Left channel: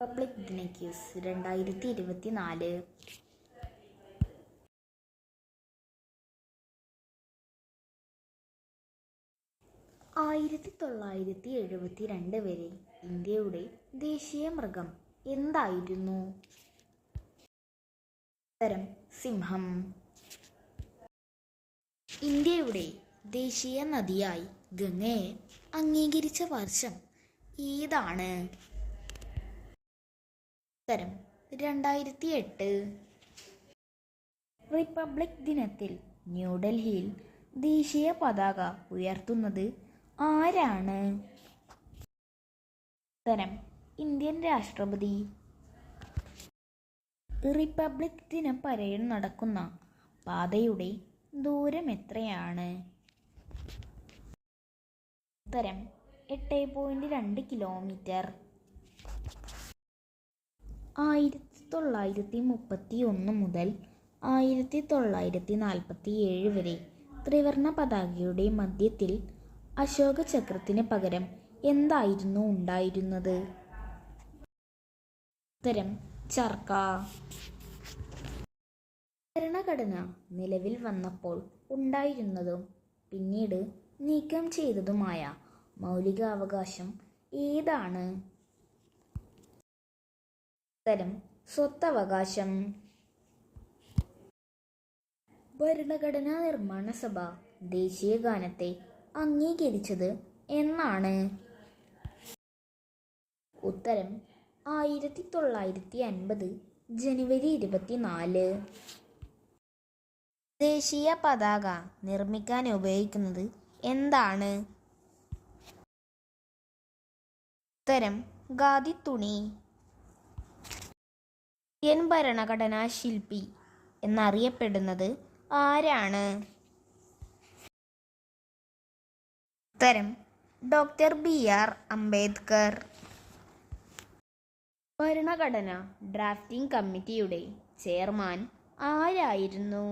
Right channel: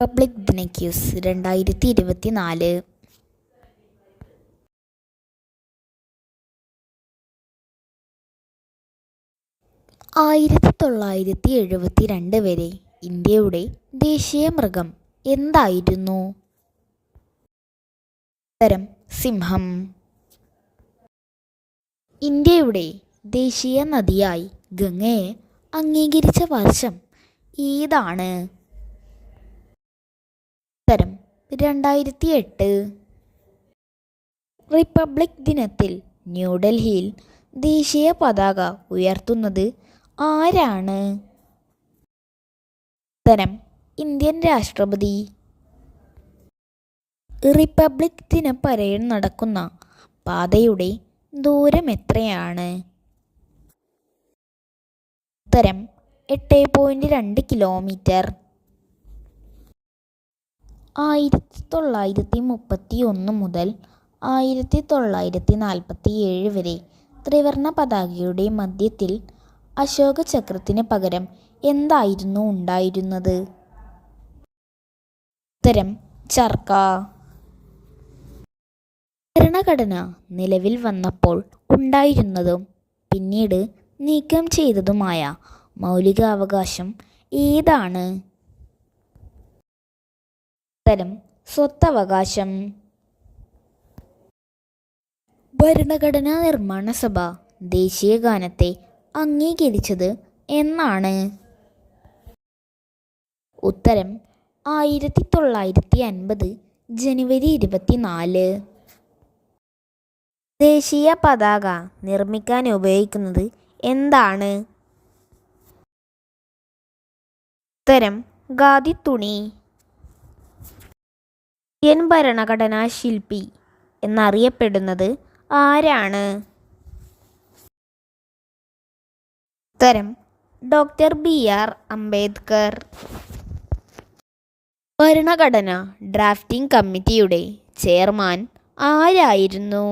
Republic ദിന quiz 2024. 1972 വരെ ഇന്ത്യയുടെ ദേശീയ മൃഗം എന്തായിരുന്നു? ഉത്തരം സിംഹം. ഇന്ത്യയുടെ ദേശീയ നദിയായി ഗംഗയെ അംഗീകരിച്ച വർഷം ഏതാണ്? ഉത്തരം 2008. റിപ്പബ്ലിക് ദിനത്തിൽ ന്യൂഡൽഹിയിൽ ദേശീയ പതാക ഉയർത്തുന്നത് ആരാണ്? ഉത്തരം ഇന്ത്യൻ രാഷ്ട്രപതി. റിപ്പബ്ലിക് ദിന പരേഡ് നടക്കുന്ന പാതയുടെ ദൂരം എത്രയാണ്? ഉത്തരം 8.2 കിലോമീറ്റർ. 1931 മുതൽ 1947 വരെ ത്രിവർണ പതാകയുടെ മധ്യത്തിൽ അശോക ചക്രത്തിന് പകരം എന്തായിരുന്നു ഉണ്ടായിരുന്നത്? ഉത്തരം ചർക്ക. ഭരണഘടന നിലവിൽ വന്നപ്പോൾ ഉണ്ടായിരുന്നതും പിന്നീട് നീക്കം ചെയ്തതുമായ മൗലികാവകാശം ഏതാണ്? ഉത്തരം സ്വത്തവകാശം. ഭരണഘടനാ നിർമ്മാണ സഭ ദേശീയ ഗാനത്തെ അംഗീകരിച്ചത് എന്നാണ്? ഉത്തരം 1950 ജനുവരി 24. ദേശീയ പതാക നിർമ്മിക്കാൻ ഉപയോഗിക്കുന്നത് എന്താണ്? ഉത്തരം ഖാദി തുണി. ഇന്ത്യൻ ഭരണഘടനാ ശില്പി എന്നറിയപ്പെടുന്നത് ആരാണ്? ഉത്തരം ഡോക്ടർ BR അംബേദ്കർ. ഭരണഘടന ഡ്രാഫ്റ്റിംഗ് കമ്മിറ്റിയുടെ ചെയർമാൻ ആരായിരുന്നു?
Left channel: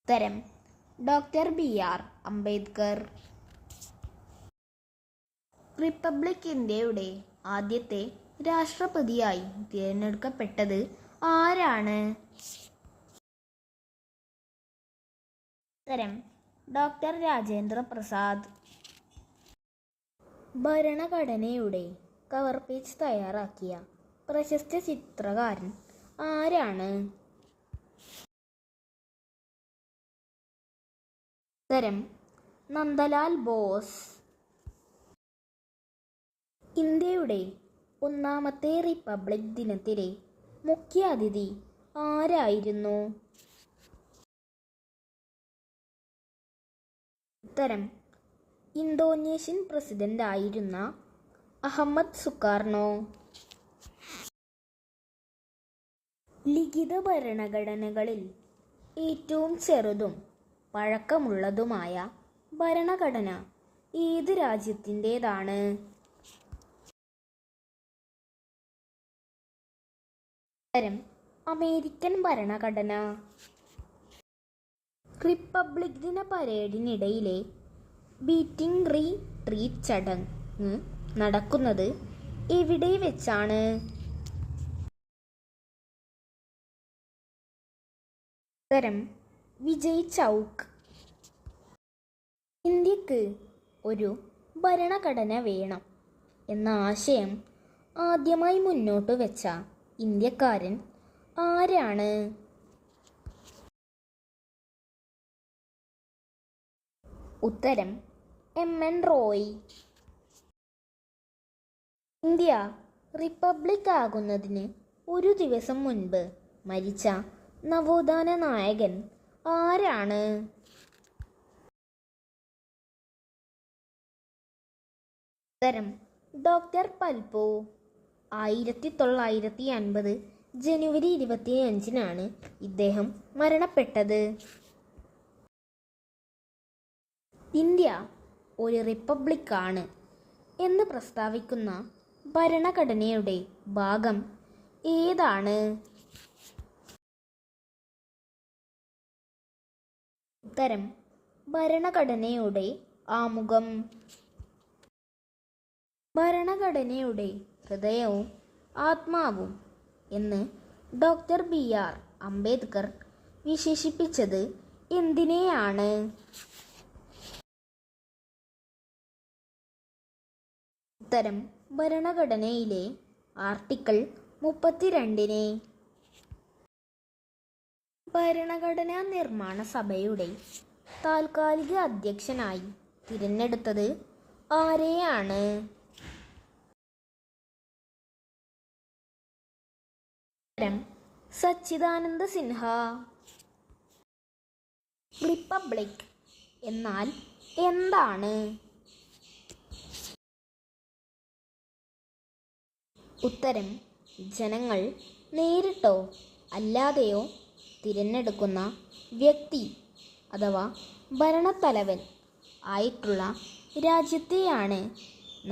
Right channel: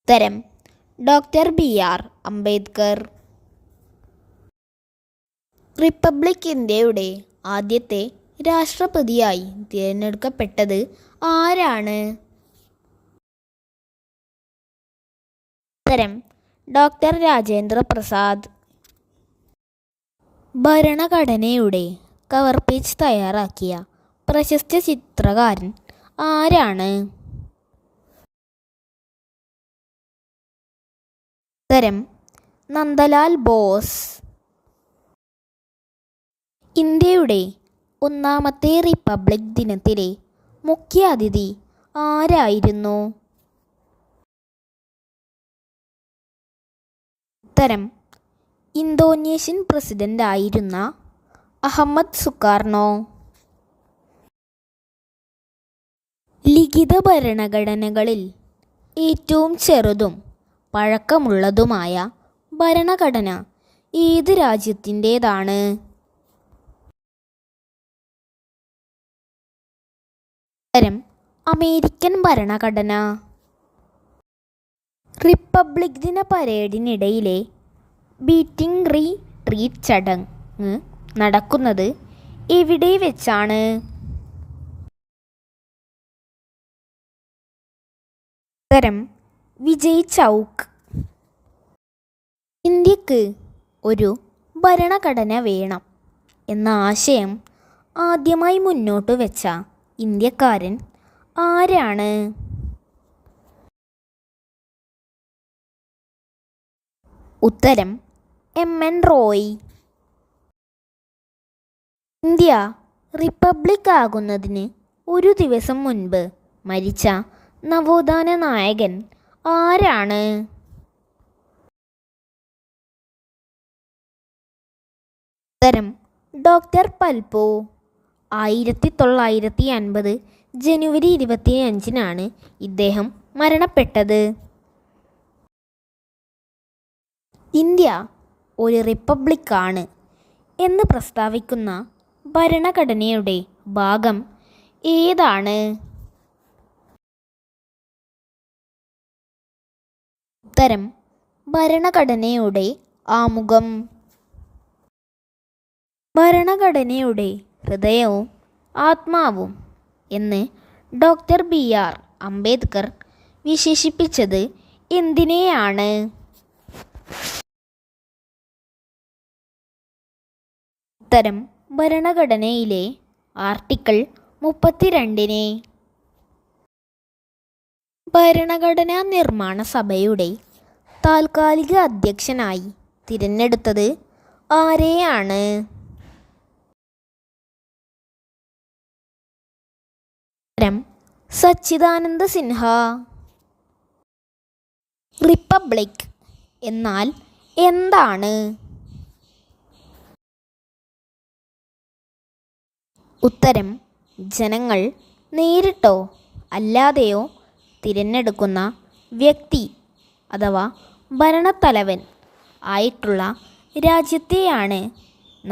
ഉത്തരം ഡോക്ടർ BR അംബേദ്കർ. റിപ്പബ്ലിക് ഇന്ത്യയുടെ ആദ്യത്തെ രാഷ്ട്രപതിയായി തിരഞ്ഞെടുക്കപ്പെട്ടത് ആരാണ്? ഉത്തരം ഡോക്ടർ രാജേന്ദ്ര പ്രസാദ്. ഭരണഘടനയുടെ കവർ പേജ് തയ്യാറാക്കിയ പ്രശസ്ത ചിത്രകാരൻ ആരാണ്? ഉത്തരം നന്ദലാൽ ബോസ്. ഇന്ത്യയുടെ ഒന്നാമത്തെ റിപ്പബ്ലിക് ദിനത്തിലെ മുഖ്യ അതിഥി ആരായിരുന്നു? ഉത്തരം ഇന്തോനേഷ്യൻ പ്രസിഡന്റ് ആയിരുന്ന അഹമ്മദ് സുകാർണോ. ലിഖിത ഭരണഘടനകളിൽ ഏറ്റവും ചെറുതും പഴക്കമുള്ളതുമായ ഭരണഘടന ഏത് രാജ്യത്തിൻ്റേതാണ്? ഉത്തരം അമേരിക്കൻ ഭരണഘടന. റിപ്പബ്ലിക് ദിന പരേഡിനിടയിലെ ബീറ്റിംഗ് റിട്രീറ്റ് ചടങ്ങ് നടക്കുന്നത് എവിടെ വെച്ചാണ്? ഉത്തരം വിജയ് ചൗക്ക്. ഇന്ത്യക്ക് ഒരു ഭരണഘടന വേണം എന്ന ആശയം ആദ്യമായി മുന്നോട്ട് വെച്ച ഇന്ത്യക്കാരൻ ആരാണ്? ഉത്തരം MN റോയ്. ഇന്ത്യ റിപ്പബ്ലിക് ആകുന്നതിന് ഒരു ദിവസം മുൻപ് മരിച്ച നവോത്ഥാന നായകൻ ആരാണ്? ഉത്തരം ഡോക്ടർ പൽപു. 1950 ജനുവരി 25 ഇദ്ദേഹം മരണപ്പെട്ടത്. ഇന്ത്യ ഒരു റിപ്പബ്ലിക്കാണ് എന്ന് പ്രസ്താവിക്കുന്ന ഭരണഘടനയുടെ ഭാഗം ഏതാണ്? ഉത്തരം ഭരണഘടനയുടെ ആമുഖം. ഭരണഘടനയുടെ ഹൃദയവും ആത്മാവും എന്ന് ഡോക്ടർ BR അംബേദ്കർ വിശേഷിപ്പിച്ചത് എന്തിനെയാണ്? ഉത്തരം ഭരണഘടനയിലെ ആർട്ടിക്കിൾ 32-നെ. ഭരണഘടനാ നിർമ്മാണ സഭയുടെ താൽക്കാലിക അധ്യക്ഷനായി തിരഞ്ഞെടുത്തത് ആരെയാണ്? ഉത്തരം സച്ചിദാനന്ദ സിൻഹ. റിപ്പബ്ലിക് എന്നാൽ എന്താണ്? ഉത്തരം ജനങ്ങൾ നേരിട്ടോ അല്ലാതെയോ തിരഞ്ഞെടുക്കുന്ന വ്യക്തി അഥവാ ഭരണത്തലവൻ ആയിട്ടുള്ള രാജ്യത്തെയാണ്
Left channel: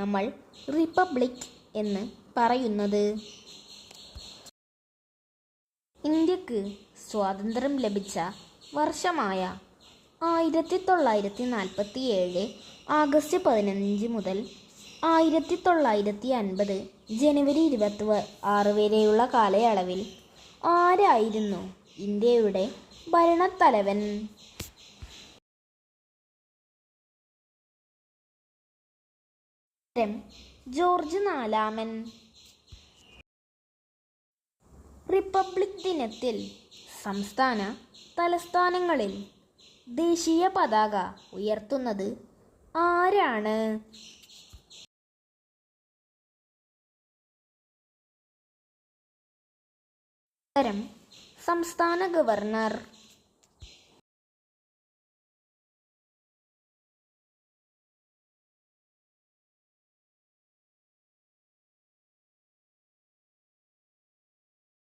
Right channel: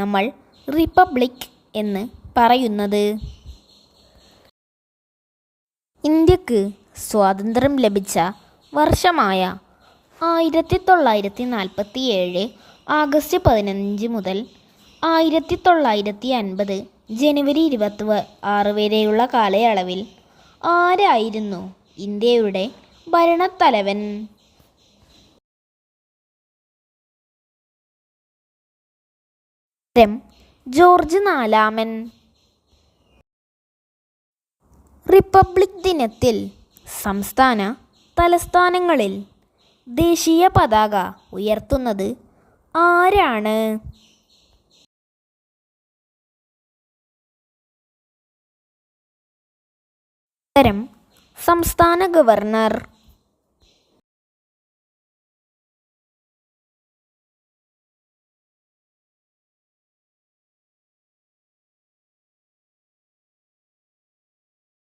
നമ്മൾ റിപ്പബ്ലിക് എന്ന് പറയുന്നത്. ഇന്ത്യക്ക് സ്വാതന്ത്ര്യം ലഭിച്ച വർഷമായ 1947 ആഗസ്റ്റ് 15 മുതൽ 1950 ജനുവരി 26 വരെയുള്ള കാലയളവിൽ ആരായിരുന്നു ഇന്ത്യയുടെ ഭരണത്തലവൻ? ജോർജ് നാലാമൻ. റിപ്പബ്ലിക് ദിനത്തിൽ സംസ്ഥാന തലസ്ഥാനങ്ങളിൽ ദേശീയ പതാക ഉയർത്തുന്നത് ആരാണ്? ഉത്തരം സംസ്ഥാന ഗവർണർ.